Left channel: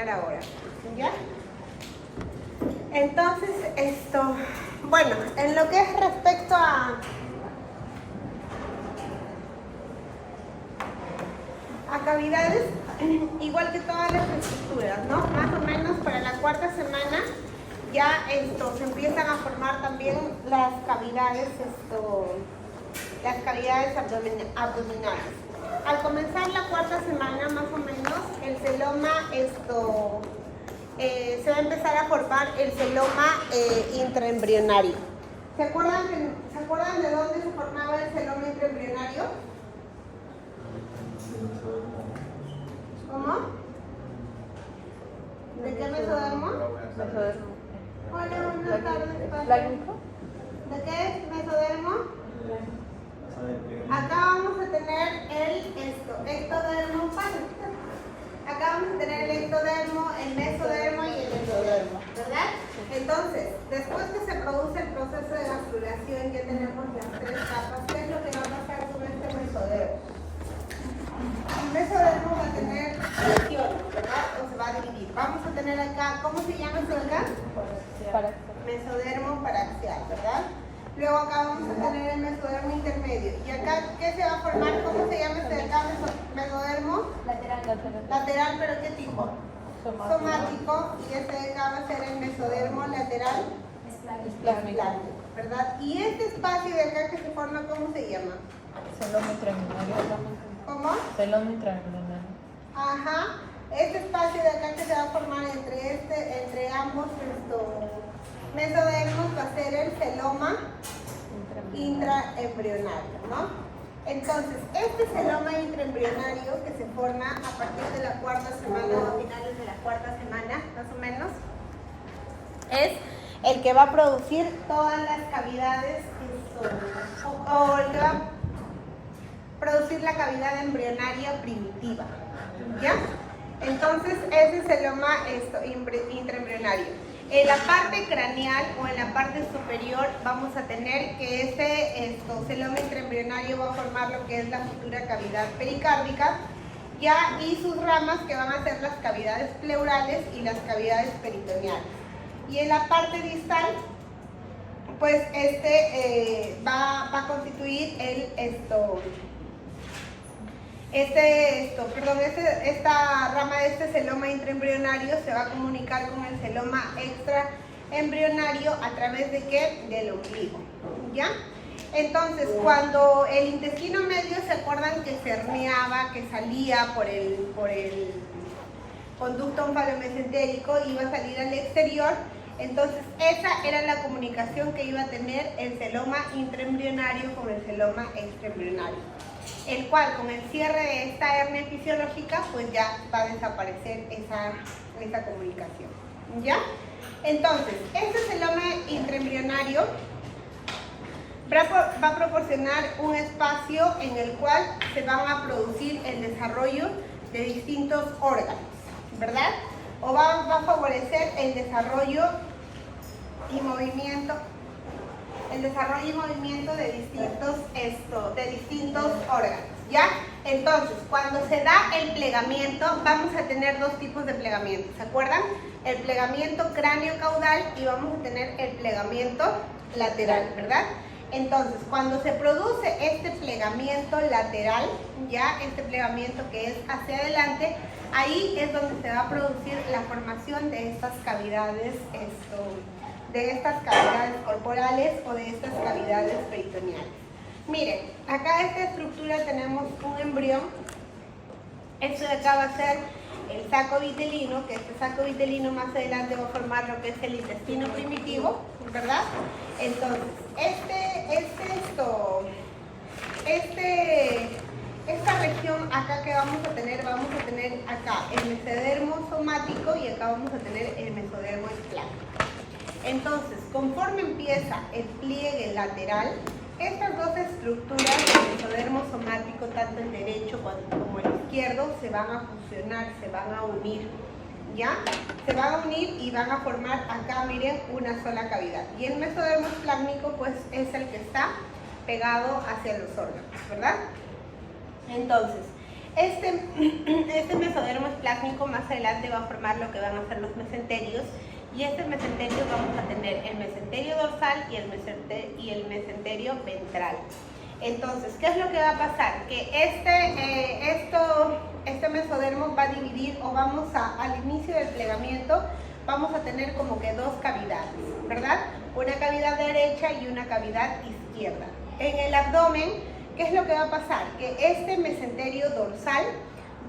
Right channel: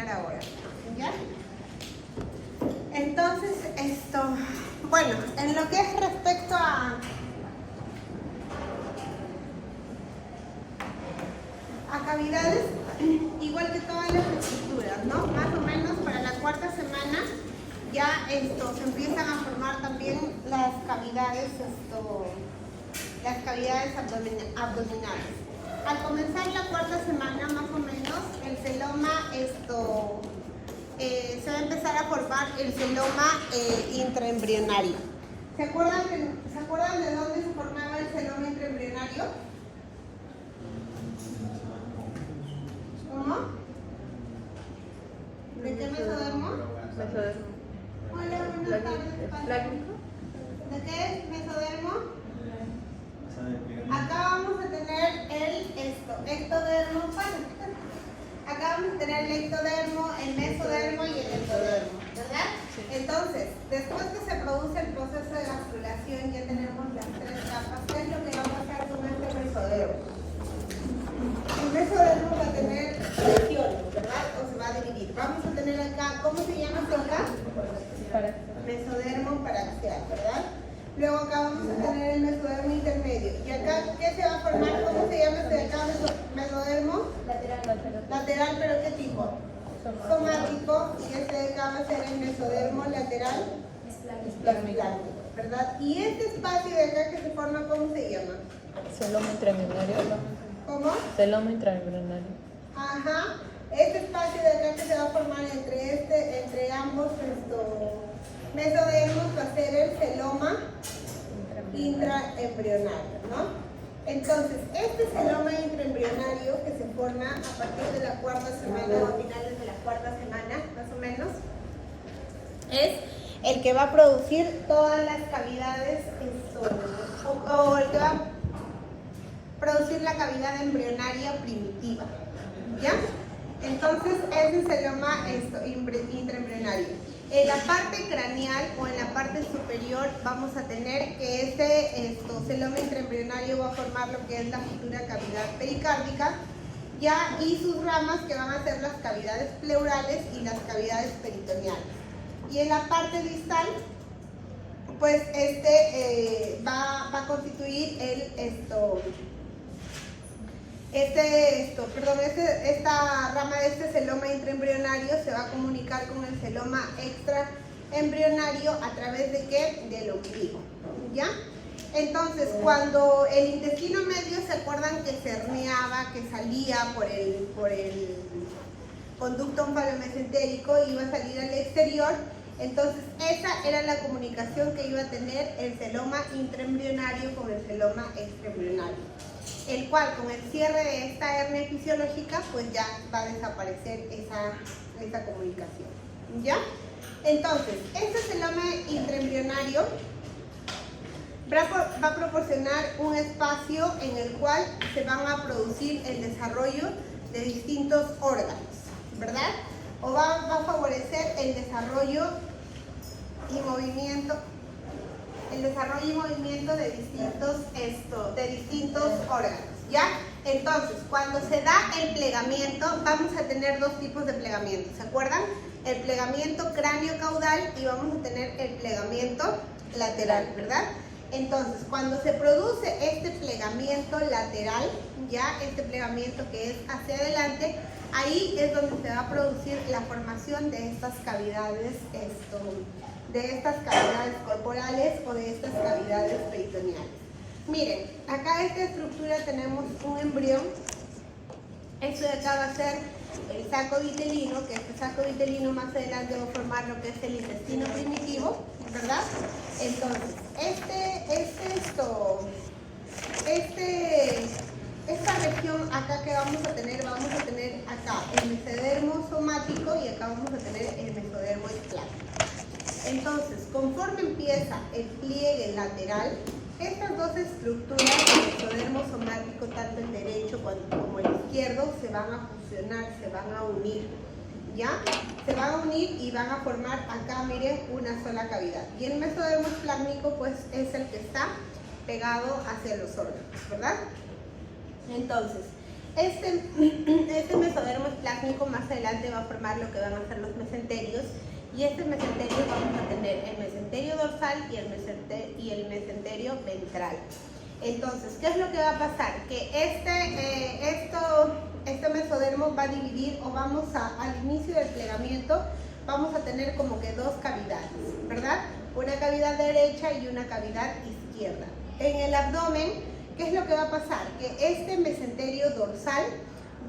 imaginar ahora, ¿ya? Entonces, bueno, en lo que es respecto a cavidades, igual que todas las estructuras, ¿no? Más o menos para la cuarta semana ya se empiezan a formar también las cavidades abdominales. Al comenzar la cuarta semana, más o menos, el celoma se va a empezar a formar el celoma intraembrionario. ¿Se acuerdan de dónde se formaba el celoma intraembrionario? ¿Cómo? ¿De qué mesodermo? Hola, buenas tardes. ¿De qué es mesodermo? Acá vamos a tener el ectodermo. Acá vamos a tener el ectodermo, el mesodermo y el endodermo, ¿verdad? Entonces, después que se produce el proceso de vasculación, ya tenemos las tres capas. ¿Qué es lo que va a pasar con este mesodermo? El mesodermo va a tener divisiones, ¿verdad? O se va a dividir. Vamos a tener acá, ¿cómo se llama esto de acá? Mesodermo paraxial, ¿verdad? Luego acá vamos a tener el mesodermo intermedio. ¿Y acá qué se va a formar? ¿Cómo se llama este de acá? Mesodermo lateral, ¿pero qué tipo? Somático. Y este de acá va a ser el mesodermo lateral esplásmico, ¿verdad? Y este espacio de acá que se forma, ¿cómo se llama? Celoma intraembrionario. ¿Cómo? Celoma intraembrionario. Ajá. Este espacio de acá que se va a formar entre ambos mesodermos va a ser el celoma intraembrionario, ¿no? Entonces, este celoma intraembrionario que se forma a partir de la cuarta semana o a finales de la cuarta semana, más o menos, es el que va a producir todas las cavidades, o el que va a producir la cavidad embrionaria primitiva, ¿ya? Entonces, ese es el celoma intraembrionario. En la parte craneal o en la parte superior vamos a tener que este celoma intraembrionario va a formar lo que es la futura cavidad pericárdica, ya, y sus ramas que van a ser las cavidades pleurales y las cavidades peritoneales. Y en la parte distal, pues va a constituir esta rama de este celoma intraembrionario se va a comunicar con el celoma extraembrionario a través de ¿qué? Del ombligo, ¿ya? Entonces, cuando el intestino medio, ¿se acuerdan que se herniaba, que salía por el conducto onfalomesentérico, iba a salir al exterior? Entonces, esa era la comunicación que iba a tener el celoma intraembrionario con el celoma extraembrionario, el cual con el cierre de esta hernia fisiológica pues ya va a desaparecer esa comunicación, ¿ya? Entonces, este celoma intraembrionario va a proporcionar un espacio en el cual se van a producir el desarrollo de distintos órganos, ¿verdad? O va a favorecer el desarrollo y movimiento de distintos órganos, ¿ya? Entonces, cuando se da el plegamiento, vamos a tener dos tipos de plegamiento, ¿se acuerdan? El plegamiento cráneo-caudal y vamos a tener el plegamiento lateral, ¿verdad? Entonces, cuando se produce este plegamiento lateral, ya, este plegamiento que es hacia adelante, ahí es donde se va a producir la formación de estas cavidades, corporales o de estas cavidades peritoneales. Miren, acá esta estructura tenemos un embrión. Esto de acá va a ser el saco vitelino, que este saco vitelino más adelante va a formar lo que es el intestino primitivo, ¿verdad? Entonces, esta región acá que vamos a tener acá el mesodermo somático y acá vamos a tener el mesodermo esplástico. Entonces, conforme empieza el pliegue lateral, estas dos estructuras del mesodermo somático, tanto el derecho como el izquierdo, se van a fusionar, se van a unir, ¿ya? Se van a unir y van a formar acá, miren, una sola cavidad. Y el mesodermo esplástico, pues, es el que está pegado hacia los órganos, ¿verdad? Entonces, Este mesodermo esplásmico más adelante va a formar lo que van a ser los mesenterios, y este mesenterio vamos a tener el mesenterio dorsal y el mesenterio ventral. Entonces, ¿qué es lo que va a pasar? Que este mesodermo va a dividir, o al inicio del plegamiento vamos a tener como que dos cavidades, ¿verdad? Una cavidad derecha y una cavidad izquierda. En el abdomen, ¿qué es lo que va a pasar? Que este mesenterio dorsal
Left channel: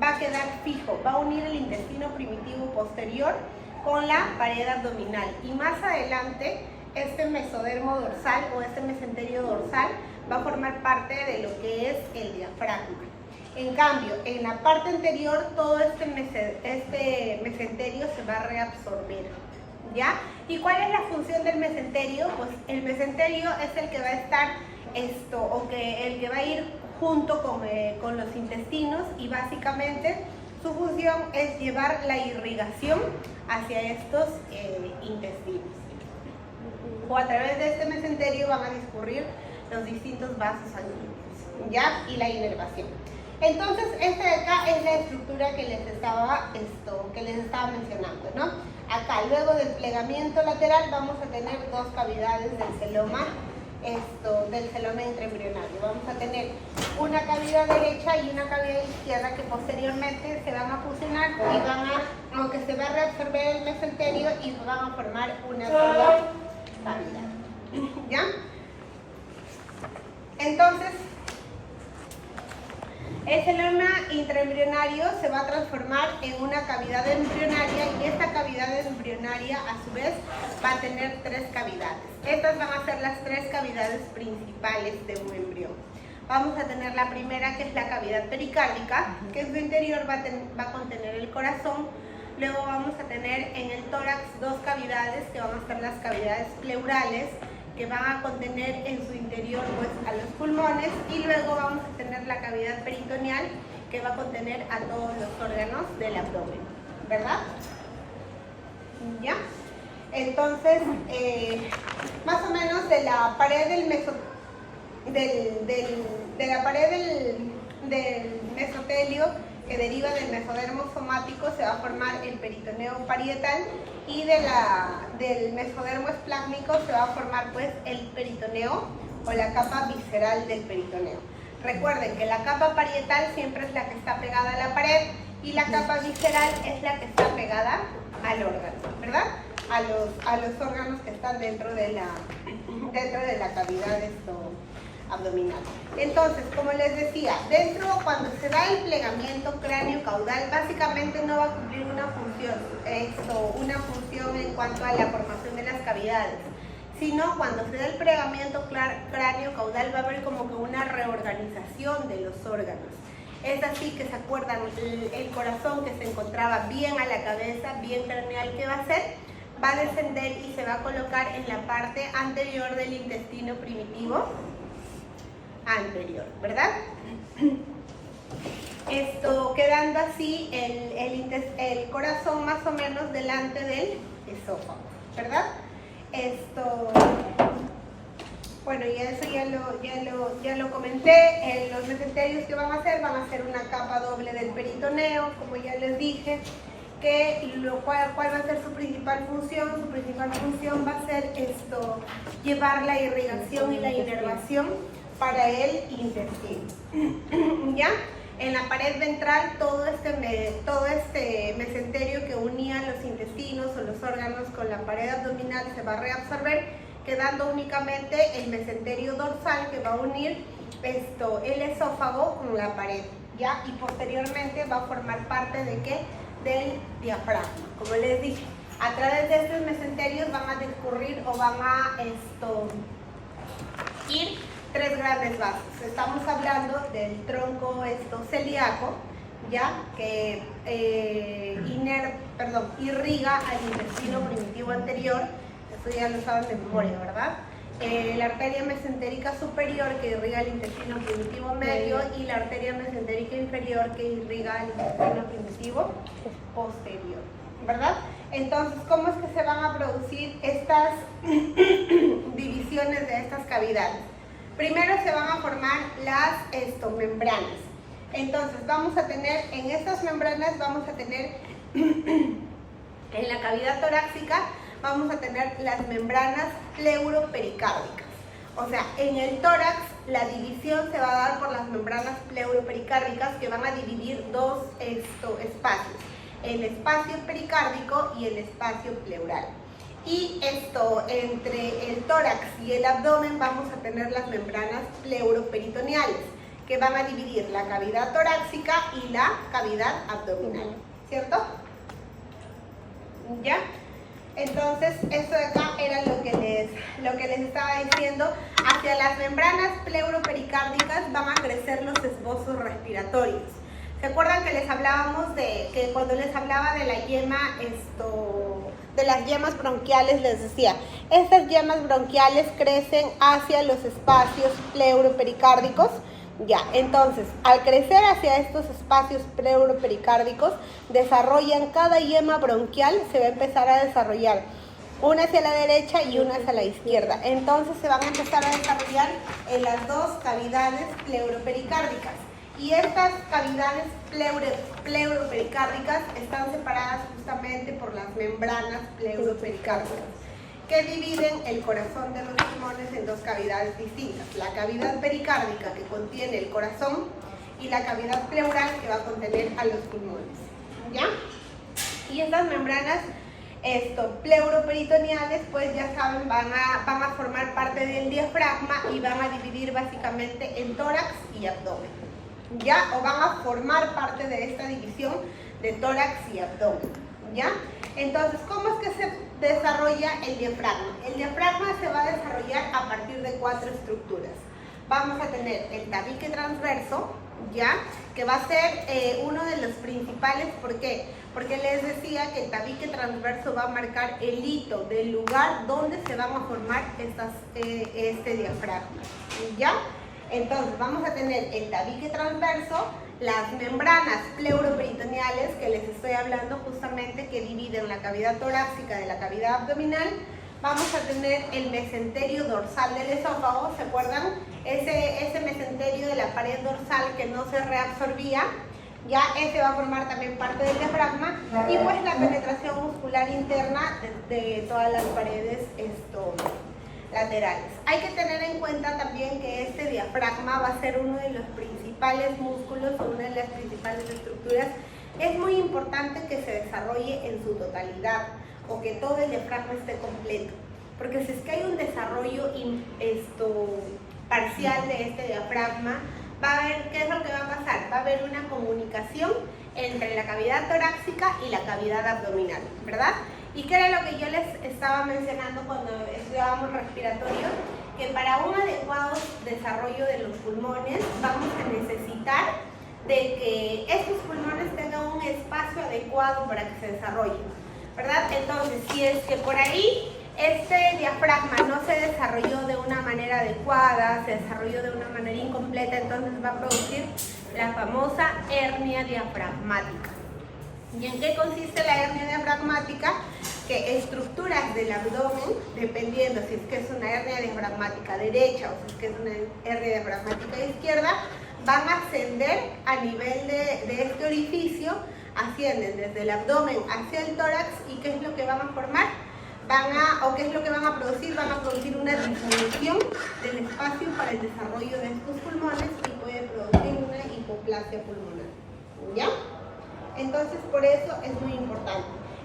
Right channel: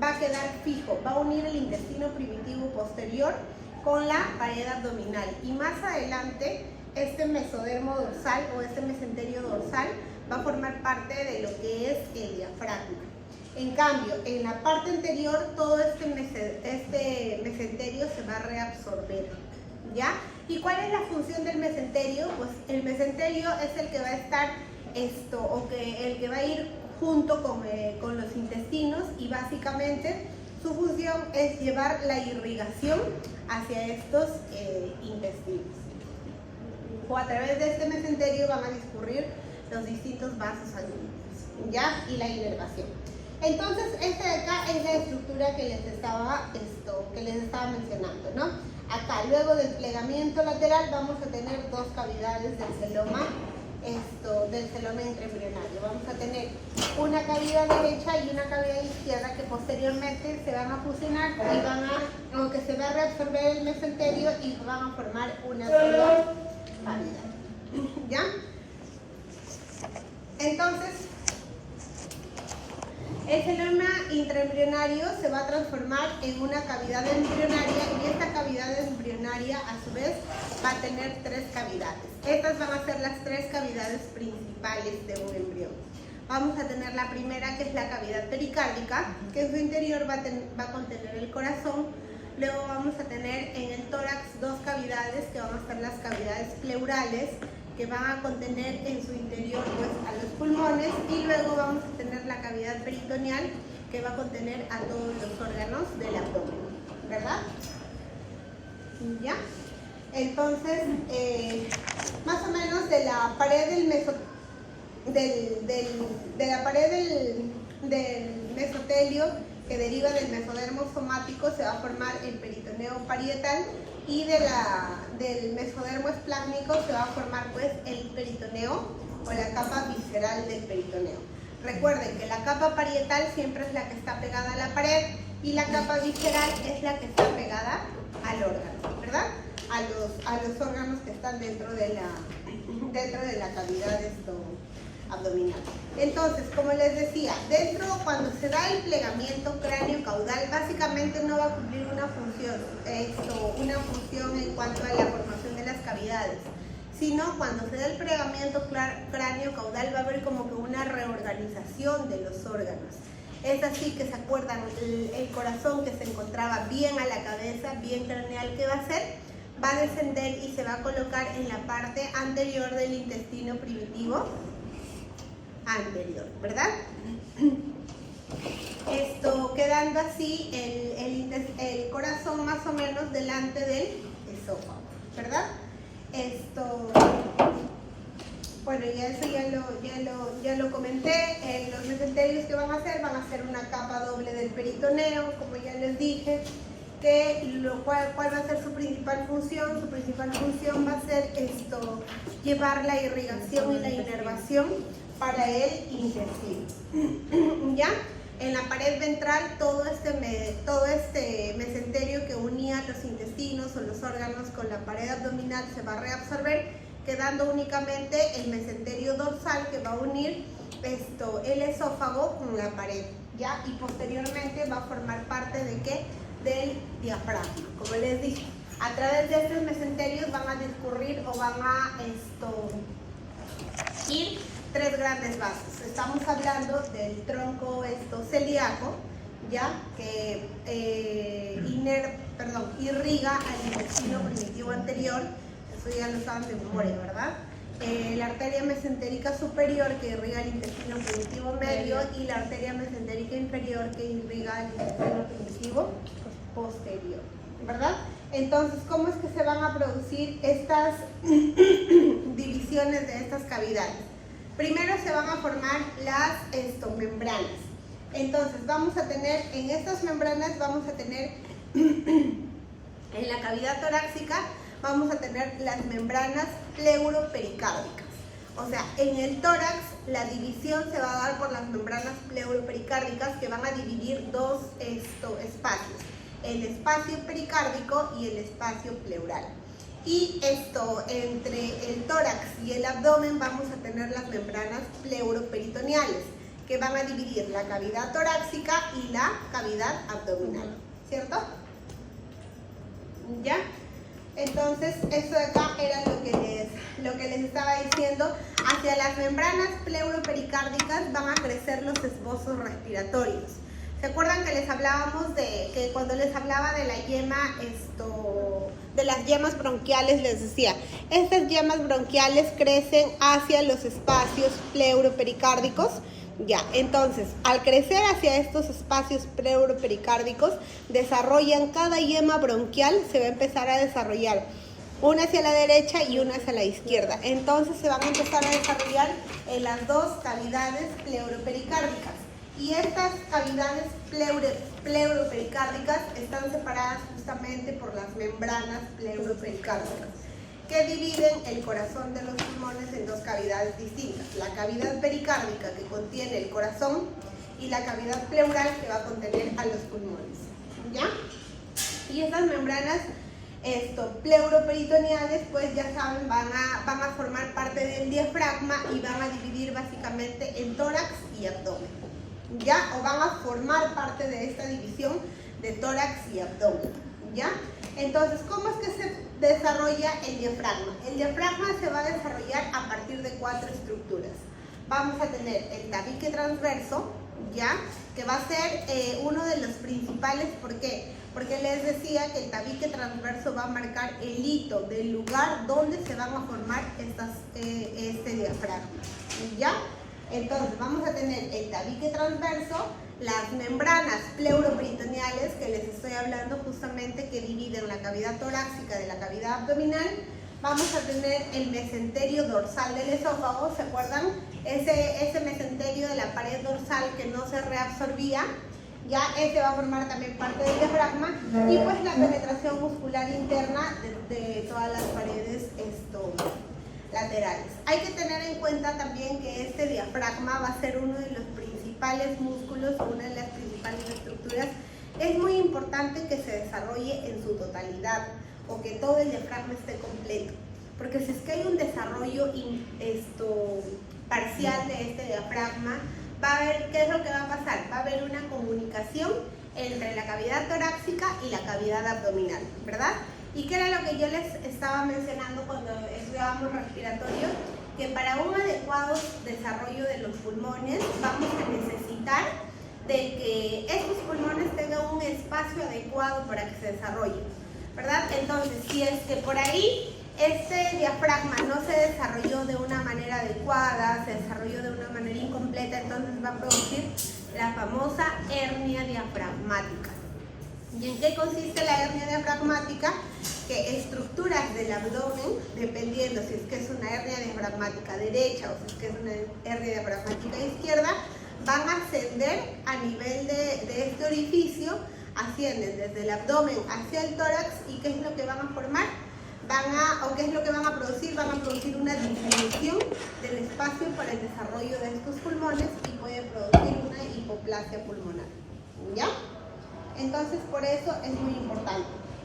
va a quedar fijo, va a unir el intestino primitivo posterior con la pared abdominal, y más adelante este mesodermo dorsal o este mesenterio dorsal va a formar parte de lo que es el diafragma. En cambio, en la parte anterior todo este mesenterio se va a reabsorber, ¿ya? ¿Y cuál es la función del mesenterio? Pues el mesenterio es el que va a estar el que va a ir junto con los intestinos, y básicamente su función es llevar la irrigación hacia estos intestinos. O a través de este mesenterio van a discurrir los distintos vasos sanguíneos, ¿ya? Y la inervación. Entonces, esta de acá es la estructura que les estaba mencionando, ¿no? Acá, luego del plegamiento lateral, vamos a tener dos cavidades del celoma intraembrionario. Vamos a tener una cavidad derecha y una cavidad izquierda que posteriormente se van a fusionar y aunque se va a reabsorber el mesenterio, y van a formar una sola cavidad, ¿ya? Entonces, el celoma intraembrionario se va a transformar en una cavidad embrionaria, y esta cavidad embrionaria a su vez va a tener tres cavidades. Estas van a ser las tres cavidades principales de un embrión. Vamos a tener la primera, que es la cavidad pericárdica, que en su interior va a contener el corazón. Luego vamos a tener en el tórax dos cavidades, que van a ser las cavidades pleurales, que van a contener en su interior pues a los pulmones, y luego vamos a tener la cavidad peritoneal, que va a contener a todos los órganos del abdomen, ¿verdad? ¿Ya? Entonces, más o menos de la pared del mesotelio, que deriva del mesodermo somático, se va a formar el peritoneo parietal, y del mesodermo esplásmico se va a formar pues el peritoneo, o la capa visceral del peritoneo. Recuerden que la capa parietal siempre es la que está pegada a la pared, y la capa visceral es la que está pegada al órgano, ¿verdad? A los órganos que están dentro de la cavidad abdominal. Entonces, como les decía, cuando se da el plegamiento cráneo-caudal, básicamente no va a cumplir una función en cuanto a la formación de las cavidades, sino cuando se da el plegamiento cráneo-caudal va a haber como que una reorganización de los órganos. Es así que se acuerdan, el corazón que se encontraba bien a la cabeza, bien craneal, ¿qué va a hacer? Va a descender y se va a colocar en la parte anterior del intestino primitivo anterior, ¿verdad? Quedando así el corazón más o menos delante del esófago, ¿verdad? Bueno, y eso ya lo comenté. Los mesenterios que van a hacer una capa doble del peritoneo, como ya les dije. ¿Cuál va a ser su principal función? Su principal función va a ser llevar la irrigación y la inervación para el intestino, ¿ya? En la pared ventral, todo este mesenterio que unía los intestinos o los órganos con la pared abdominal se va a reabsorber, quedando únicamente el mesenterio dorsal, que va a unir el esófago con la pared, ¿ya? Y posteriormente va a formar parte de ¿qué? Del diafragma. Como les dije, a través de estos mesenterios van a discurrir o van a ir tres grandes vasos. Estamos hablando del tronco celíaco, ¿ya? Que irriga al intestino primitivo anterior. Eso ya lo saben de memoria, ¿verdad? La arteria mesentérica superior, que irriga el intestino primitivo medio, y la arteria mesentérica inferior, que irriga el intestino primitivo posterior, ¿verdad? Entonces, ¿cómo es que se van a producir estas divisiones de estas cavidades? Primero se van a formar las membranas. Entonces vamos a tener, en estas membranas vamos a tener, en la cavidad torácica, vamos a tener las membranas pleuropericárdicas. O sea, en el tórax la división se va a dar por las membranas pleuropericárdicas que van a dividir dos espacios, el espacio pericárdico y el espacio pleural. Y entre el tórax y el abdomen vamos a tener las membranas pleuroperitoneales que van a dividir la cavidad torácica y la cavidad abdominal, ¿cierto? ¿Ya? Entonces, esto de acá era lo que les estaba diciendo. Hacia las membranas pleuropericárdicas van a crecer los esbozos respiratorios. ¿Se acuerdan que les hablábamos que cuando les hablaba de la yema, de las yemas bronquiales, les decía, estas yemas bronquiales crecen hacia los espacios pleuropericárdicos? Ya, entonces, al crecer hacia estos espacios pleuropericárdicos, desarrollan cada yema bronquial, se va a empezar a desarrollar una hacia la derecha y una hacia la izquierda. Entonces se van a empezar a desarrollar en las dos cavidades pleuropericárdicas. Y estas cavidades pleuropericárdicas están separadas justamente por las membranas pleuropericárdicas, que dividen el corazón de los pulmones en dos cavidades distintas. La cavidad pericárdica, que contiene el corazón, y la cavidad pleural, que va a contener a los pulmones. ¿Ya? Y estas membranas pleuroperitoneales, pues ya saben, van a formar parte del diafragma y van a dividir básicamente en tórax y abdomen. ¿Ya? O van a formar parte de esta división de tórax y abdomen. ¿Ya? Entonces, ¿cómo es que se desarrolla el diafragma? El diafragma se va a desarrollar a partir de 4 estructuras. Vamos a tener el tabique transverso, ¿ya? Que va a ser uno de los principales. ¿Por qué? Porque les decía que el tabique transverso va a marcar el hito del lugar donde se van a formar este diafragma, ¿ya? Entonces vamos a tener el tabique transverso, las membranas pleuroperitoneales, que les estoy hablando justamente, que dividen la cavidad torácica de la cavidad abdominal. Vamos a tener el mesenterio dorsal del esófago, ¿se acuerdan? Ese mesenterio de la pared dorsal que no se reabsorbía, ya ese va a formar también parte del diafragma. Y pues la penetración muscular interna de todas las paredes laterales. Hay que tener en cuenta también que este diafragma va a ser uno de los principales músculos o una de las principales estructuras. Es muy importante que se desarrolle en su totalidad o que todo el diafragma esté completo, porque si es que hay un desarrollo parcial de este diafragma, va a haber, ¿qué es lo que va a pasar? Va a haber una comunicación entre la cavidad torácica y la cavidad abdominal, ¿verdad? ¿Y qué era lo que yo les estaba mencionando cuando estudiábamos respiratorio? Que para un adecuado desarrollo de los pulmones vamos a necesitar de que estos pulmones tengan un espacio adecuado para que se desarrollen, ¿verdad? Entonces, si es que por ahí este diafragma no se desarrolló de una manera adecuada, se desarrolló de una manera incompleta, entonces va a producir la famosa hernia diafragmática. ¿Y en qué consiste la hernia diafragmática? Que estructuras del abdomen, dependiendo si es que es una hernia diafragmática derecha o si es que es una hernia diafragmática izquierda, van a ascender a nivel de este orificio, ascienden desde el abdomen hacia el tórax. ¿Y qué es lo que van a formar? ¿Qué es lo que van a producir? Van a producir una disminución del espacio para el desarrollo de estos pulmones y puede producir una hipoplasia pulmonar, ¿ya? Entonces, por eso es muy importante.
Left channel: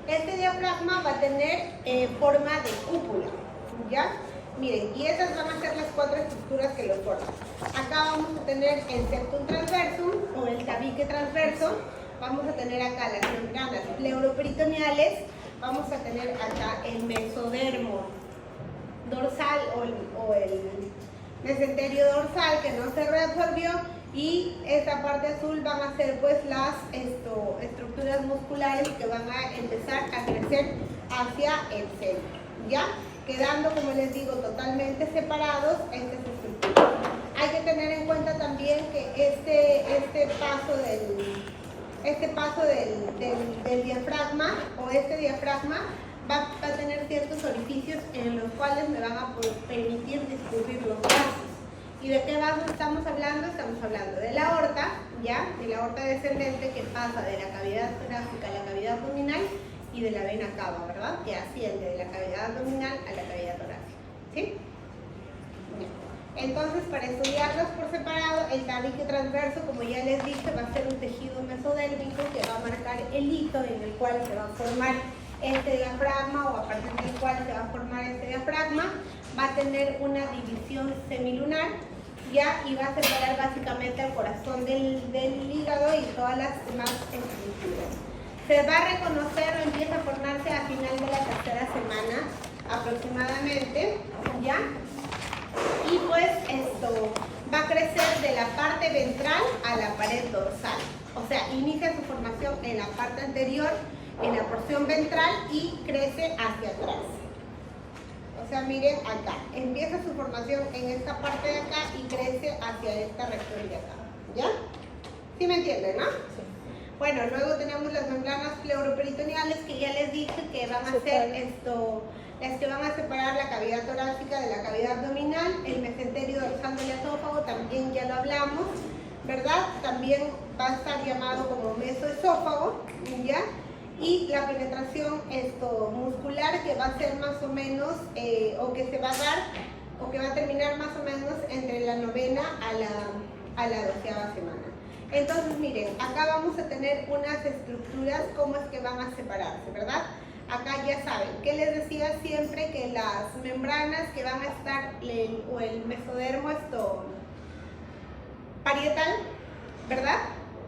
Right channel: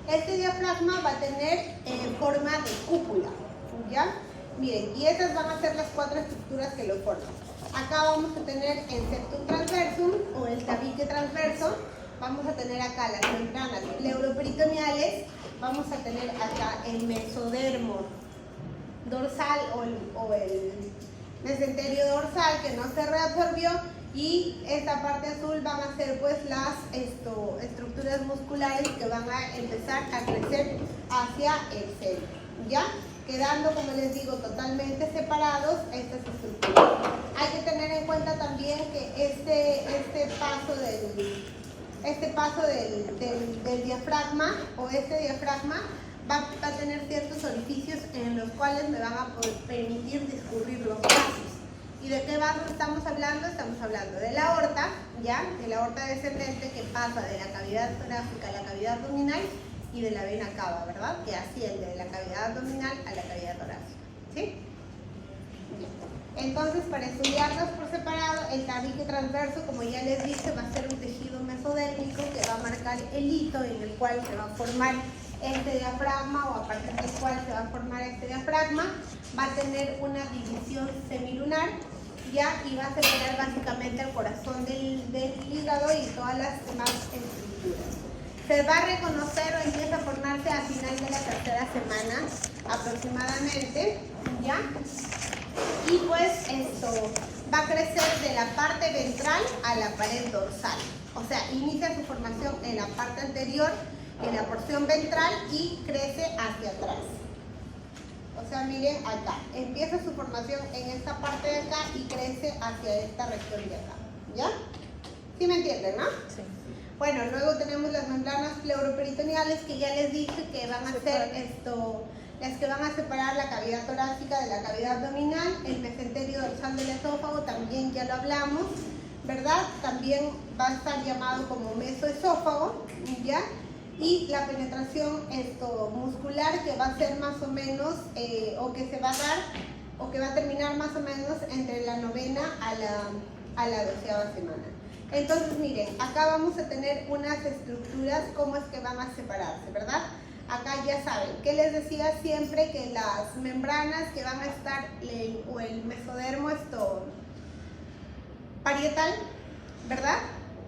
Este diafragma va a tener forma de cúpula, ¿ya? Miren, y esas van a ser las 4 estructuras que lo forman. Acá vamos a tener el septum transversum o el tabique transverso. Vamos a tener acá las membranas pleuroperitoneales. Vamos a tener acá el mesodermo dorsal o el mesenterio dorsal que no se reabsorbió. Y esta parte azul van a ser pues las estructuras musculares que van a empezar a crecer hacia el centro, ¿ya? Quedando, como les digo, totalmente separados estas estructuras. Hay que tener en cuenta también que este paso del diafragma o este diafragma va a tener ciertos orificios en los cuales me van a permitir discurrir los gases. ¿Y de qué vaso estamos hablando? Estamos hablando de la aorta, ¿ya? De la aorta descendente que pasa de la cavidad torácica a la cavidad abdominal y de la vena cava, ¿verdad? Que asciende de la cavidad abdominal a la cavidad torácica, ¿sí? Entonces, para estudiarlos por separado, el tabique transverso, como ya les dije, va a ser un tejido mesodérmico que va a marcar el hito en el cual se va a formar este diafragma, o a partir del cual se va a formar este diafragma. Va a tener una división semilunar, ya, y va a separar básicamente el corazón del hígado y todas las demás estructuras. Se va a reconocer o empieza a formarse a final de la tercera semana aproximadamente, ¿ya? Y pues esto va a crecer de la parte ventral a la pared dorsal. O sea, inicia su formación en la parte anterior, en la porción ventral, y crece hacia atrás. O sea, miren acá, empieza su formación en esta parte de acá y crece hacia esta región de acá, ¿ya? ¿Sí me entienden, no? Sí. Bueno, luego tenemos las membranas pleuroperitoneales, que ya les dije que van a ser las que van a separar la cavidad torácica de la cavidad abdominal. El mesenterio dorsal del esófago también ya lo hablamos, ¿verdad? También va a estar llamado como mesoesófago, ¿ya? Y la penetración muscular, que va a ser más o menos, o que se va a dar, o que va a terminar más o menos entre la 9ª a la 12ª semana. Entonces, miren, acá vamos a tener unas estructuras, cómo es que van a separarse, ¿verdad? Acá ya saben, que les decía siempre que las membranas que van a estar, o el mesodermo parietal, ¿verdad?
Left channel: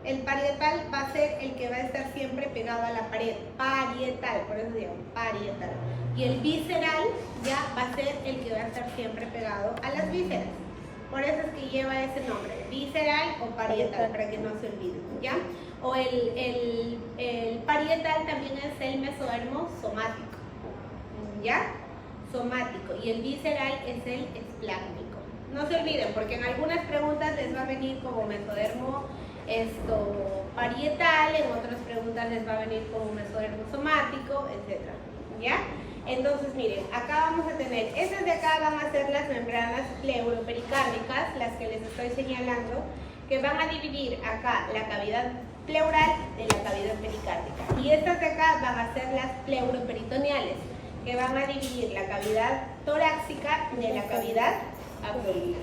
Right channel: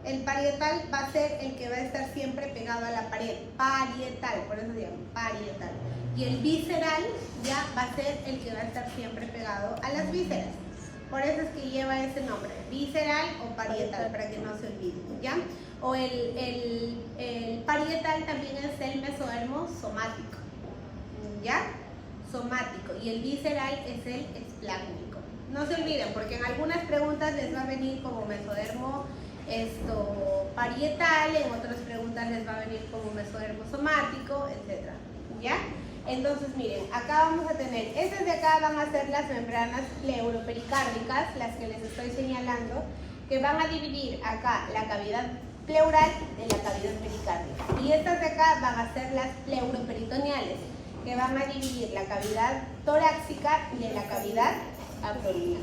El parietal va a ser el que va a estar siempre pegado a la pared, parietal, por eso digo parietal. Y el visceral ya va a ser el que va a estar siempre pegado a las vísceras. Por eso es que lleva ese nombre, visceral o parietal, para que no se olviden, ¿ya? O el parietal también es el mesodermo somático, ¿ya? Somático. Y el visceral es el esplácnico. No se olviden, porque en algunas preguntas les va a venir como mesodermo parietal, en otras preguntas les va a venir como mesodermo somático, etc. ¿Ya? Entonces, miren, acá vamos a tener, estas de acá van a ser las membranas pleuropericárdicas, las que les estoy señalando, que van a dividir acá la cavidad pleural de la cavidad pericárdica. Y estas de acá van a ser las pleuroperitoneales, que van a dividir la cavidad torácica de la cavidad abdominal.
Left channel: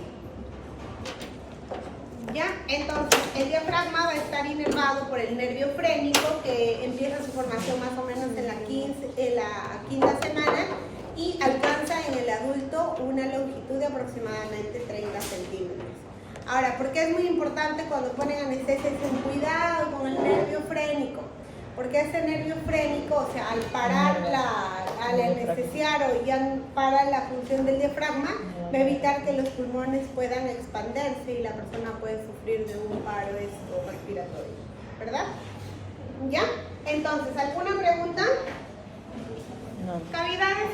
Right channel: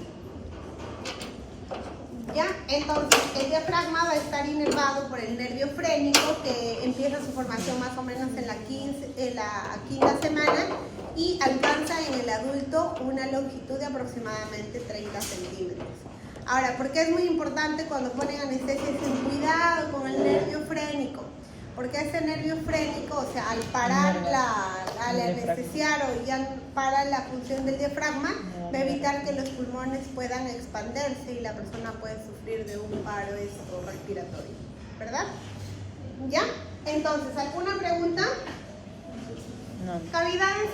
¿Ya? Entonces, el diafragma va a estar inervado por el nervio frénico, que empieza su formación más o menos en la 5ª semana y alcanza en el adulto una longitud de aproximadamente 30 centímetros. Ahora, ¿por qué es muy importante cuando ponen anestesia? Ten cuidado con el nervio frénico, porque ese nervio frénico, o sea, al parar al anestesiar o ya para la función del diafragma, va a evitar que los pulmones puedan expandirse y la persona puede sufrir de un paro respiratorio, ¿verdad? ¿Ya? Entonces, ¿alguna pregunta? No. Cavidades